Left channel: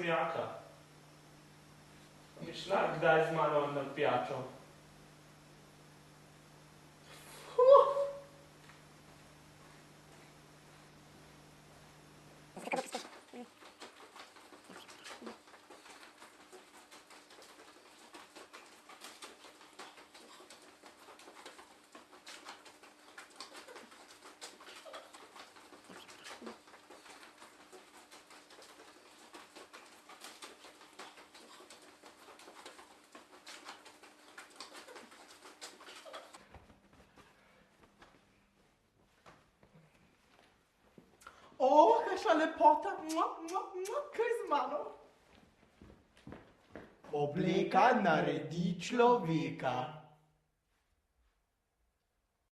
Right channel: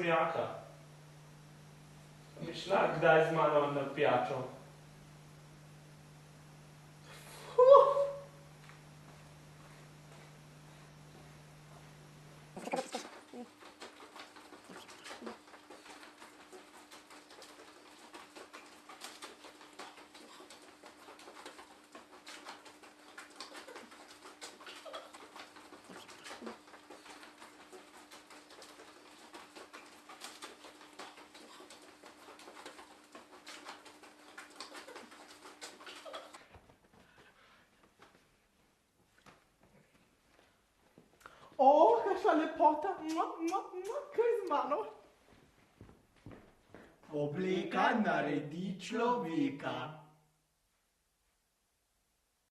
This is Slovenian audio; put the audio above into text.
nasmejaka. Bi šla kdaj z mano na pijačo? O, kakšna lepota, kaj z mano? Obleka naredi človeka.